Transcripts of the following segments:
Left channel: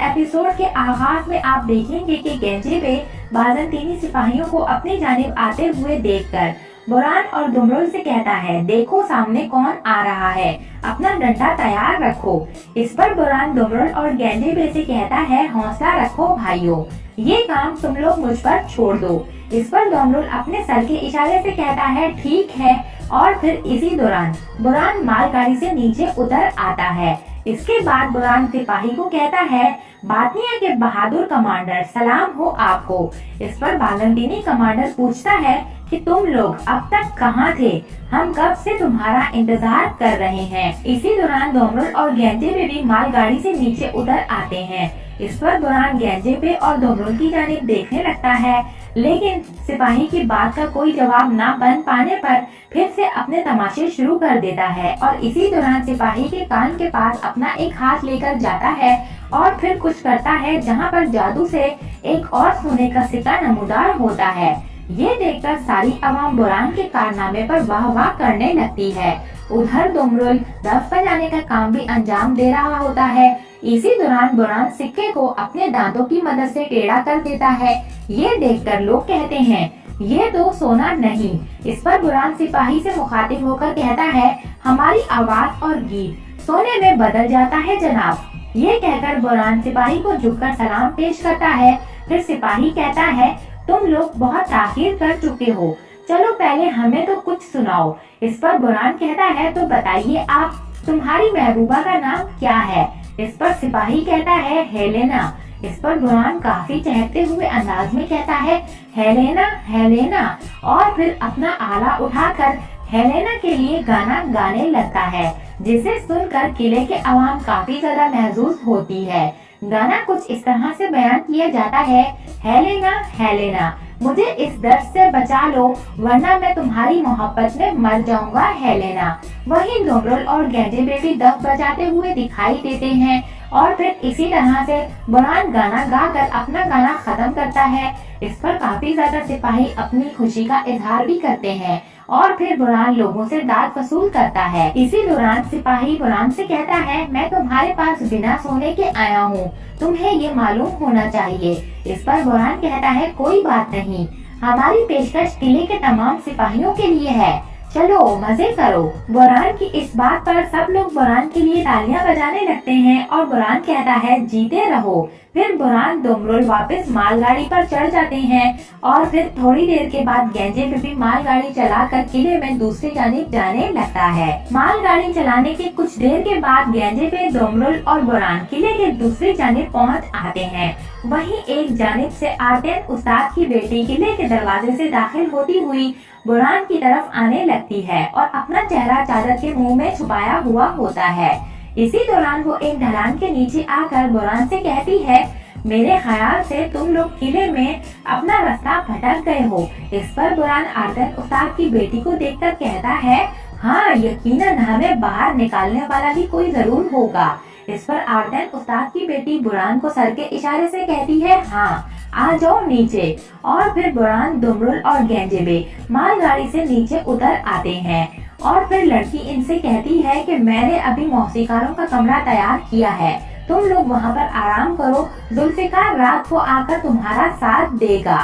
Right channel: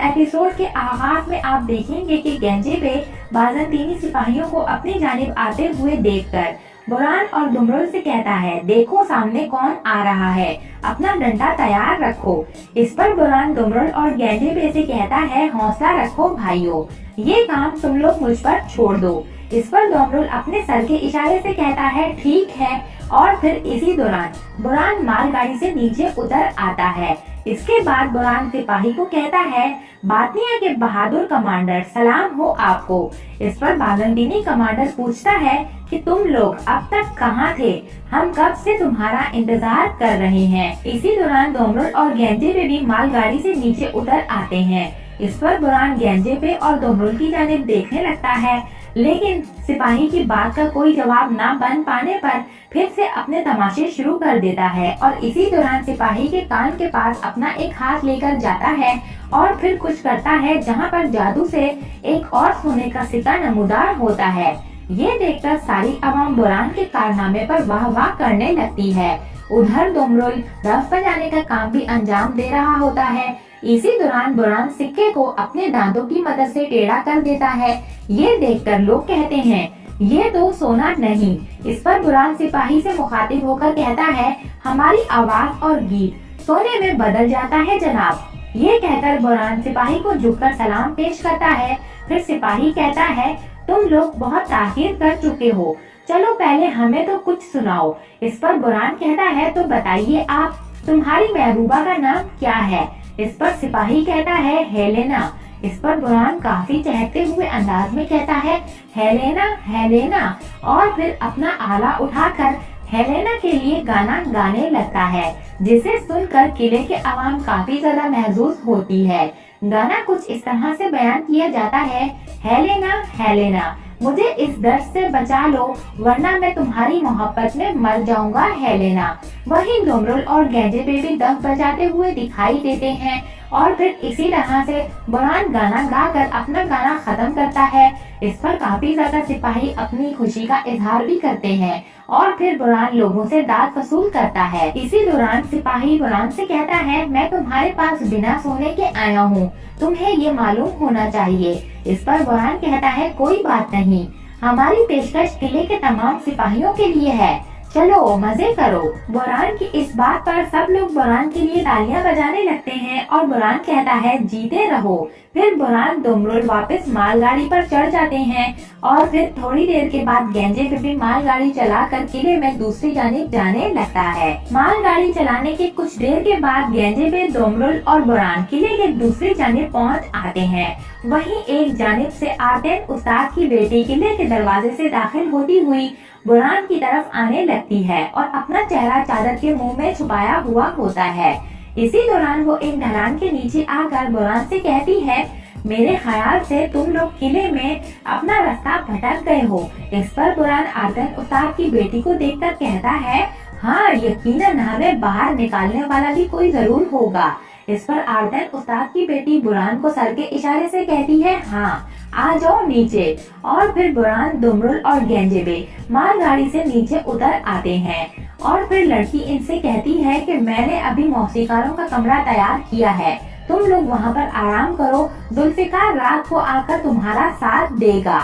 Episode के आगाज में आप देखेंगे कि गेंजेबे बाज़ंतीनी सिपाहियों को अपनी जानिब आते हुए देखकर बुरान और दुमरुल से कहता है, देखो सामने कौन आ रहा है, अपना डंडा तैयार रखो। इस पर बुरान दुमरुल और गेंजेबे से कहता है, हौसला रखो भाइयों, ये काम तुम लोग मुझ पर छोड़ दो। इस पर दुमरुल अपने सर के इशारे से कहता है, ठीक है। और फिर इसी दौरान बुरान मालगाड़ी से नीचे उतर आता है। इसके बाद बुरान सिपाही को कहता है, बातनिया के बहादुर कमांडर, सलाम हो आपको। इस पर बाज़ंतीनी कमांडर पूछता है कि तुम लोग अब तक कहाँ थे, हम कब से तुम्हारा इंतजार कर रहे हैं। इसी दौरान दुमरुल और गेंजेबे भी मालगाड़ी से नीचे उतर आते हैं। इस पर बुरान गेंजेबे और दुमरुल की जानिब देखने लगता है, लेकिन सिपाही की बात का कोई जवाब न बन पाने पर फिर से अपने तमाशे शुरू कर देता है और इसी दौरान सिपाही के कान के पास अपना एक हाथ लेकर जाता है और फिर कुछ करता है जहां पर जादू से एक और सोने का सिक्का नमूदार होता है। ये देखकर सारी आवाम बुरान के कारनामे पर वाह वाह करने लगती है। उधर दुमरुल रफ बजाने का काम भी अंजाम दे रहा होता है। इसी दौरान बुरान सिक्के को अपने दांतों की मदद से टेढ़ा कर देता है। ये देखकर लोग कहते हैं, ये तो सोना नहीं। इस पर बुरान सिपाही से मुखातिब होकर कहता है, हमारी आवाज और गीत सोने में बदल जाता है जनाब। ये कहकर बुरान सिपाही को झुककर सलाम पेश करता है। फिर सिपाही कहता है, तुम लोग बहुत ताखीर कर चुके हो, चलो पहले हमें तो कुछ सुनाओ। इस पर बुरान कहता है, तो बताइए आप, तुम्हारी महबूबा का नाम क्या है। इस पर सिपाही कहता है, हेलेना। इस पर बुरान काफी चहकते हुए अंदाज में कहता है, हेलेना हेलेना, और फिर अपना आला उठाकर हेलेना के लिए गाना गाने लगता है, जिसे सुनकर किले के अवाम काफी ज्यादा महजूज होती है। गाना कुछ इस तरह से बयान किया जाता है, हेलेना हेलेना, मुझे इस दर्द से बचा लो वरना मैं तुम्हारी मोहब्बत में मर जाऊंगा हेलेना। वहीं दुमरुल और गेंजेबे भी दफ बजाते हुए दिखाई देते हैं और फिर इसी तरह से बुरान गाना गाकर अपना गाना खत्म करता है। इस पर काफी ज्यादा सिपाही अपनी खुशी का इजहार भी करते हैं और फिर बुरान लोगों से दाद वसूल करता है। इसी दौरान सिपाही बुरान से कहता है, मैं तुम्हारे पास बिना सोने के आया हूँ, तुम्हें ये मालूम होना चाहिए। इस पर बुरान कहता है, कोई बात नहीं, हमारी पेशकश किले के तमाम सिपाहियों के लिए है, चलो मजे करो। बुरान की इस बात पर सब लोग बुरान के लिए तालियां बजाने लगते हैं और बुरान कहता है, जीते रहो। फिर बुरान दुमरुल वापस मालगाड़ी पर चढ़ जाते हैं और फिर थोड़ी देर के बाद गेंजेबे भी मालगाड़ी चलाकर किले में दूसरी जानिब जाने लगता है। मालगाड़ी चलाने के कुछ देर के बाद गेंजेबे, दुमरुल और बुरान किले के दूसरी जानिब पहुंच आते हैं। वहीं एक जानिब से आर्टेन उस्ताद की बेटी किले के दरवाजे से दाखिल होती हुई बुरान की तरफ आने लगती है और अपना चेहरा चादर के मुंह में छुपाया हुआ होता है। इसी दौरान वो एक ढलान के नीचे आकर बुरान से कहती है, मेरे ख्याल से तुम लोग किले में अपना रास्ता भटक गए हो। इस पर बुरान आर्टेन उस्ताद की बेटी को देखकर कहता है, हाँ यकीनन हमें बाहर निकालने वाला भी कोई जरूर होगा। इस पर आर्टेन उस्ताद की बेटी बुरान को सर के इशारे से कहती है, हाँ आ जाओ नीचे। और फिर बुरान, दुमरुल और गेंजेबे मालगाड़ी से नीचे उतर आते हैं और फिर लड़की इनसे कहती है कि मैंने अभी मौसीकारों का कमरा तैयार किया है, तुम लोग वहाँ पर आराम करो, जुल्फिकार रात को आकर तुम्हारा साथ देगा,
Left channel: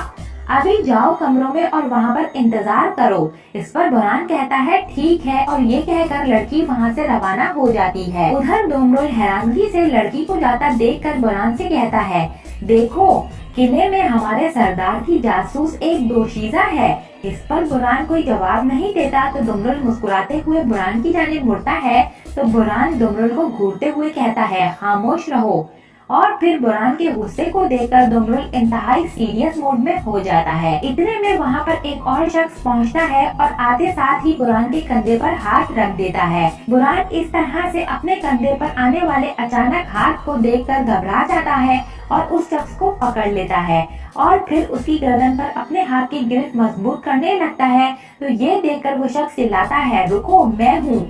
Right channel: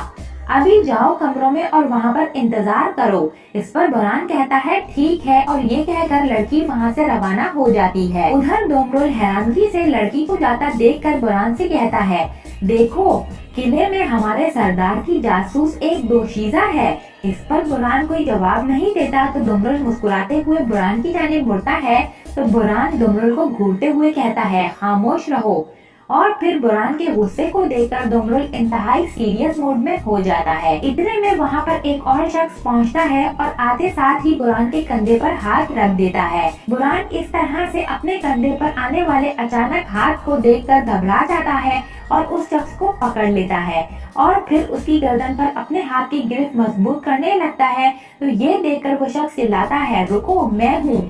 अभी जाओ कमरों में और वहाँ पर इंतजार करो। इस पर बुरान कहता है, ठीक है, और ये कहकर लड़की वहाँ से रवाना हो जाती है। उधर दुमरुल हैरानगी से लड़की को जाता देखकर बुरान से कहता है, देखो किले में हमारे सरदार की जासूस एक दोशीज़ा है। इस पर बुरान कोई जवाब नहीं देता तो दुमरुल मुस्कुराते हुए बुरान की जानिब मुड़ता है तो बुरान दुमरुल को घूरते हुए कहता है, खामोश रहो। और फिर बुरान के गुस्से को देखकर दुमरुल इंतहाई सीरियस मूड में हो जाता है। इतने में वहाँ पर एक और शख्स पहुँचता है और आते साथ ही बुरान के कंधे पर हाथ रख देता है। बुरान इस तरह से अपने कंधे पर आने वाले अचानक हाथ को देखकर घबरा जाता है और उस शख्स को पकड़ लेता है और फिर उसकी गर्दन पर अपने हाथ की गिरफ्त मजबूत करने लगता है। तो ये देखकर वो शख्स चिल्लाता है, रुको मैं हूँ।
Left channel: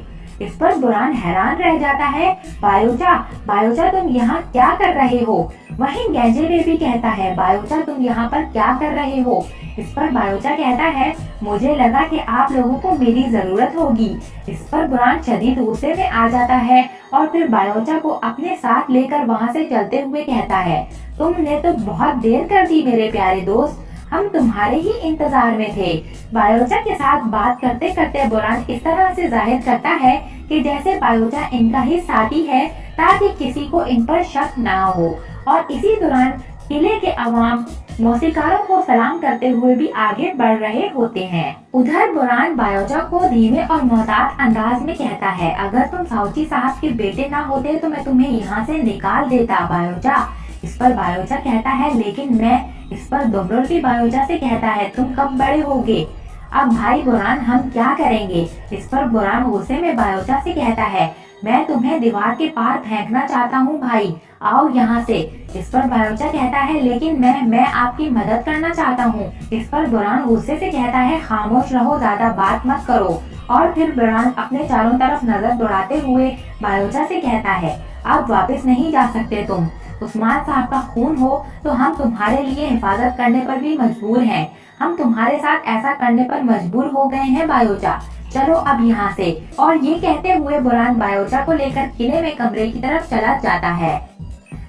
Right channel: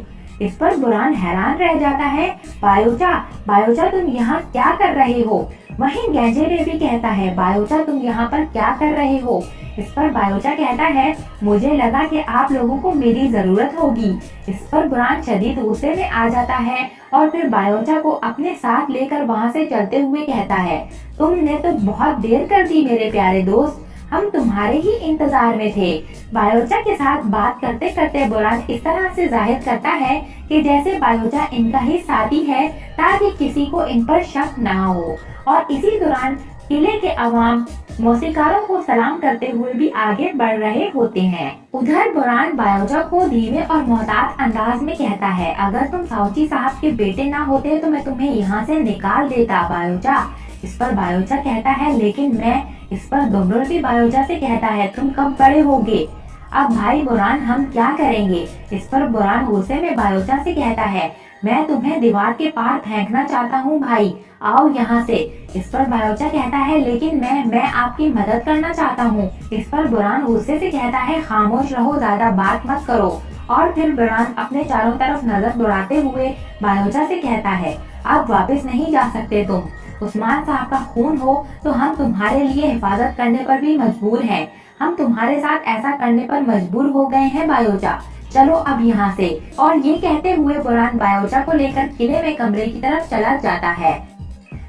इस पर बुरान हैरान रह जाता है, बायोचा बायोचा तुम यहाँ क्या कर रहे हो। वहीं गेंजेबे भी कहता है, बायोचा तुम यहाँ पर क्या कर रहे हो? इस पर बायोचा कहता है, मुझे लगा कि आप लोगों को मेरी जरूरत होगी। इस पर बुरान शदीद गुस्से में आ जाता है और फिर बायोचा को अपने साथ लेकर वहाँ से चलते हुए कहता है, तुमने तो बहुत देर कर दी मेरे प्यारे दोस्त, हम तुम्हारे ही इंतजार में थे। बायोचा के साथ बात करते करते बुरान इस तरह से जाहिर करता है कि जैसे बायोचा इनका ही साथी है, ताकि किसी को इन पर शक ना हो। और इसी दौरान किले के अवाम मौसीकारों को सलाम करते हुए भी आगे बढ़ रहे होते हैं। उधर बुरान बायोचा को धीमे और मोहतात अंदाज में कहता है, अगर तुम साउची साहब के बेटे ना होते तो मैं तुम्हें यहाँ से निकाल देता बायोचा। इस पर बायोचा कहता है, लेकिन मैं। इस पर दुम्रुल भी बायोचा से कहता है, तुम कब बड़े होगे? अब भाई बुरान हम क्या करेंगे? इस पर बुरान गुस्से में बायोचा से कहता है, मैं तुम्हें दीवार के पार फेंकना चाहता हूँ भाई, आओ यहाँ से। इस पर बायोचा कहता है, लेकिन मैं आपकी मदद करना चाहता हूँ। इस पर बुरान गुस्से से कहता है, खामोश रहो, ज्यादा बात मत करो। और फिर बुरान अपने चारों तरफ नजर दौड़ाते हुए बायोचा से कहता है, अब वापस नहीं जा सकते तुम। उस्मान साहब का खून हो तो हम तुम्हारे लिए हिफाजत करने पर भी मजबूर हैं। हम तुम्हारे साथ ऐसा करने पर मजबूर हो गए हैं बायोचा, चलो अब यहाँ से। और ये कहते हुए बुरान बायोचा को लेकर किले में कमरे की तरफ चला जाता है।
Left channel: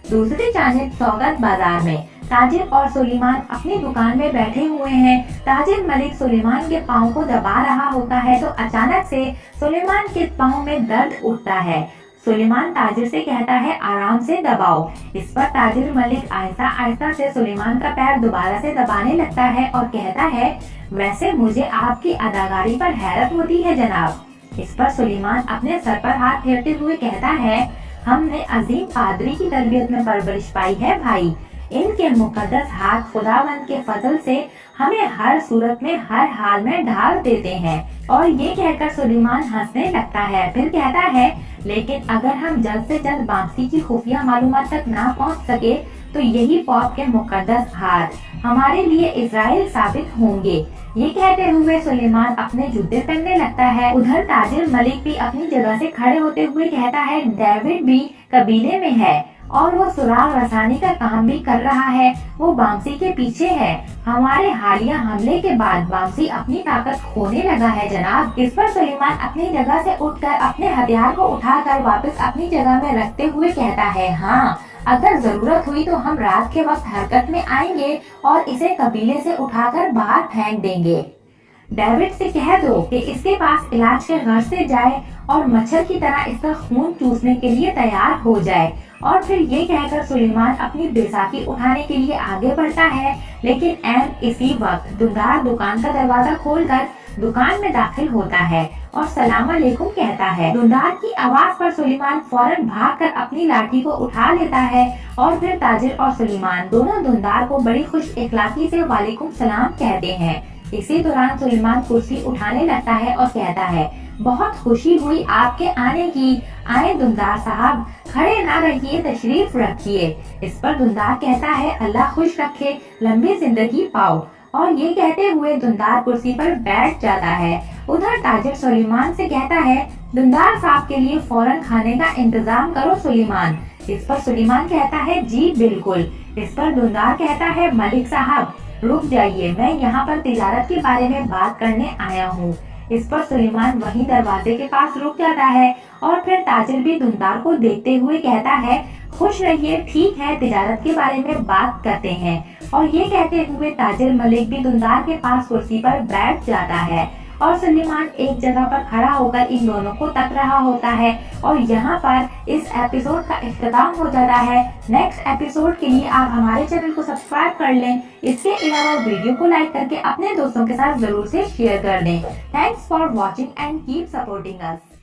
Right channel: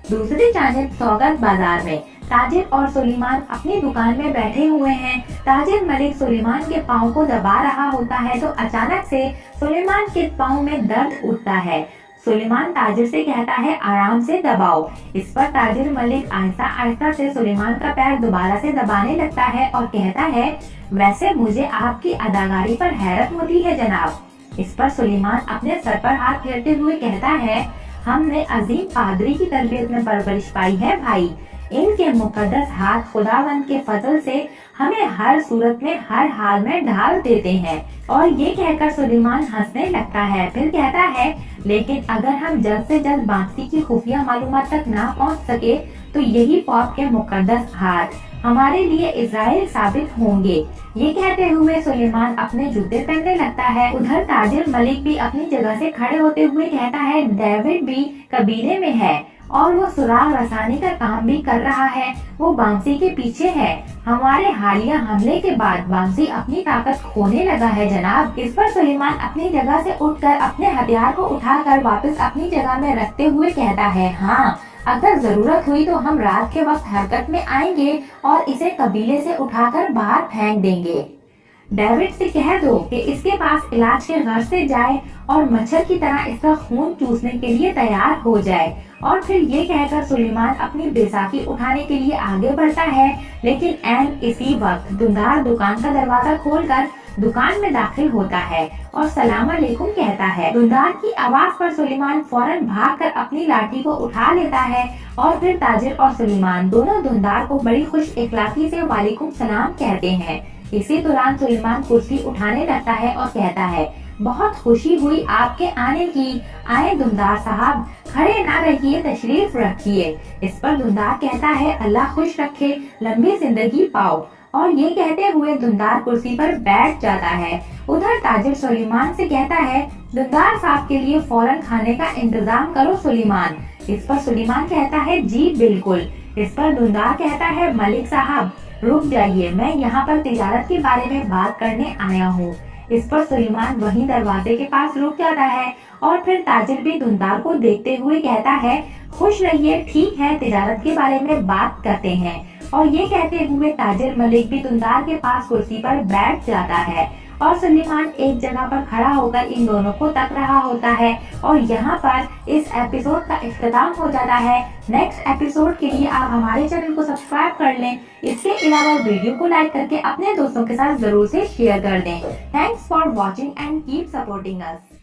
दूसरी जानिब सौगत बाजार में ताजिर और सुलेमान अपनी दुकान में बैठे हुए हैं। ताजिर मलिक सुलेमान के पाँव को दबा रहा होता है तो अचानक से सुलेमान के पाँव में दर्द उठता है। सुलेमान ताजिर से कहता है, आराम से दबाओ। इस पर ताजिर मलिक आहिस्ता आहिस्ता से सुलेमान का पैर दोबारा से दबाने लगता है और कहता है, वैसे मुझे आपकी अदाकारी पर हैरत होती है जनाब। इस पर सुलेमान अपने सर पर हाथ फेरते हुए कहता है, हमने अजीम पादरी की तरबियत में परवरिश पाई है भाई। इनके मुकद्दस हाथ खुदावंद के फजल से हमें हर सूरत में हर हाल में ढाल देते हैं। और ये कहकर सुलेमान हंसने लगता है, फिर कहता है, लेकिन अगर हम जल्द से जल्द बांसी की खुफिया मालूमात तक ना पहुंच सके तो यही पौप के मुकद्दस हाथ हमारे लिए इज़राइल साबित होंगे। ये कहते हुए सुलेमान अपने जूते पहनने लगता है। उधर ताजिर मलिक भी अपनी जगह से खड़े होते हुए कहता है, डेविड भी कबीले में है और वो सुराग रसानी का काम भी कर रहा है। वो बांसी के पीछे है। हमारे हालिया हमले के बाद बांसी अपनी ताकत खोने लगा है जनाब। इस पर सुलेमान अपनी जगह से उठकर अपने हथियार को उठाकर वापस अपनी जगह में रखते हुए कहता है, हाँ, अगर जरूरत हुई तो हम रात के वक्त हरकत में आएंगे और इसे कबीले से उठाकर बाहर फेंक देंगे। डेविड से कह दो कि इसके पास इलाज के घर से जाए और मच्छर की तरह इसका खून चूसने के लिए तैयार हो जाए। और फिर ये कहकर सुलेमान अपनी बैसाखी उठाने के लिए आगे बढ़ता है, लेकिन ऐन इसी वक्त दुंदार दुकान का दरवाजा खोलकर दुकान में दाखिल होता है और सलाम अलैकुम कहता है। दुंदार की आवाज पर सुलेमान फौरन भागकर अपनी लाठी को उठा लेता है और फिर ताजिर और सुलेमान दोनों दुंदार को बड़ी खुश इखलाकी से वालेकुम सलाम कहते हैं। इसी दौरान सुलेमान कुर्सी उठाने लगता है और कहता है, बहुत खुशी हुई आपके आने की। आए दुंदार साहब, खड़े ना रहिए, तशरीफ रखिए। इस पर दुंदार कहता है, अल्लाह खुश रखे, लंबी जिंदगी पाओ। और ये कहते हुए दुंदार कुर्सी पर बैठ जाता है। उधर ताजिर सुलेमान से कहता है, दुंदार साहब के लिए फौरन खाने का इंतजाम करो सुलेमान। इस पर सुलेमान कहता है, जी बिल्कुल। इस पर दुंदार कहता है, मलिक साहब रुक जाइए, मैं यहाँ पर तिजारत के बारे में बात करने आया हूँ। इस पर सुलेमान वहीं दरवाजे के पास रुक जाता है और फिर ताजिर भी दुंदार को देखते हुए कहता है, खुश रहिए, ठीक है, तिजारत के बारे में बात करते हैं। और ये कहते हुए ताजिर मलिक भी दुंदार के पास कुर्सी पर बैठ जाता है और सुलेमान एक जगह पर खड़ा होकर इन दोनों को तक रहा होता है। और यहाँ पर इस एपिसोड का इख्तिताम हो जाता है। नेक्स्ट एपिसोड के लिए आप हमारे चैनल को सब्सक्राइब कर लें। इसके अलावा वीडियो को लाइक करके अपने दोस्तों के साथ जरूर से शेयर कर दें। Thanks for watching and keep supporting us.